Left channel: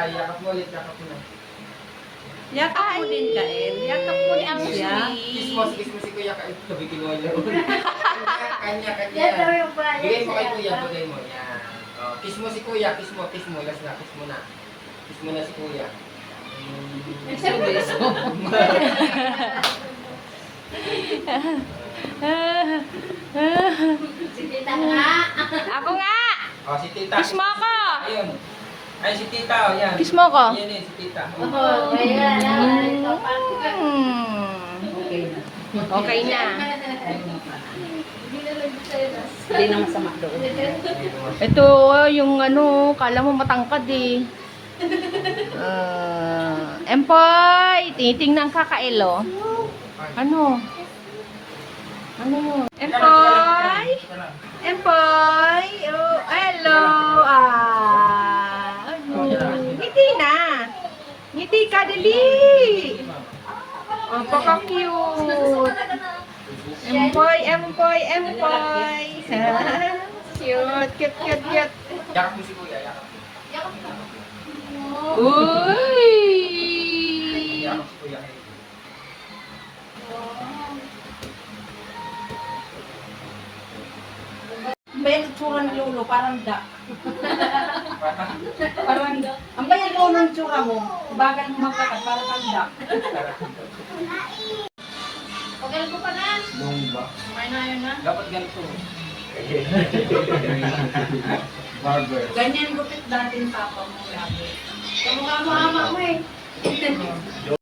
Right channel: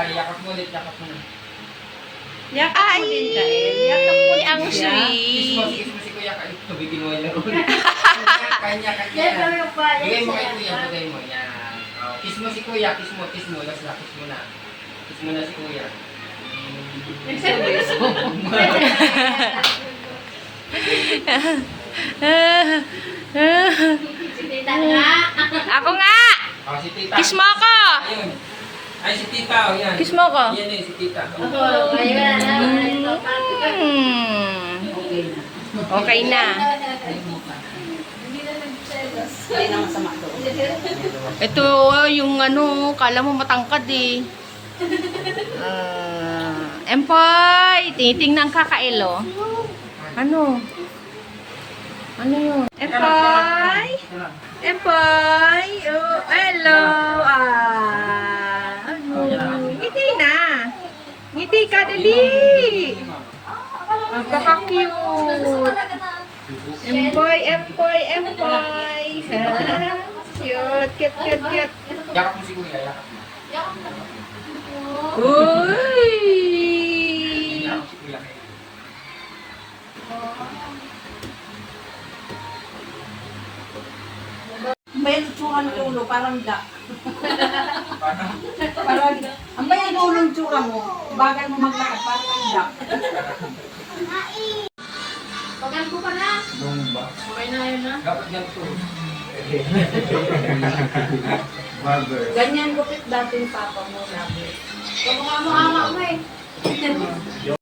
tayo. Yakap mo ulit, yakap mo na. Yakap mo din, Kael. Yakap mo din ang Kiss sweet. mo si Kuya. Tubigin mo yung laro. Kanya. Bigay mo kay Kuya, bigay mo. Yan. Oh, kiss mo si Kuya, kiss mo. Last na, kiss mo na. Kiss mo na si Kuya. Ako nga! Oh, si Tita. Kiss mo ako! Ayun. Ay, si Tita, oh, yan. Kiss mo ako. Yan si Tita. Okay na. Hindi na masama doon. Ito, yung ano, kala mo matangkad eh. Empoy! Tinitingnan ka, Kael, oh. Ano? Ano yun? Empoy! Empoy! Oh, hello! Ano? Ngiti na! Ngiti ka, dali! Ang paka-cute! Empoy! Cute! Yakap mo si Kuya, yakap mo. Uy! Yakap si Kuya. Bayan ang tsura ng lolo, parang duck. Parang, Parang, ang bayan lolo ng tsura mo, bagal mo maglakad, parang kang duck. Pagal ko pa na. nung ba? Okay na yun na. Dapat ganito. Barber. Ganyan gupit dati yung papa mo lagi. Kamukha mo amak mo eh.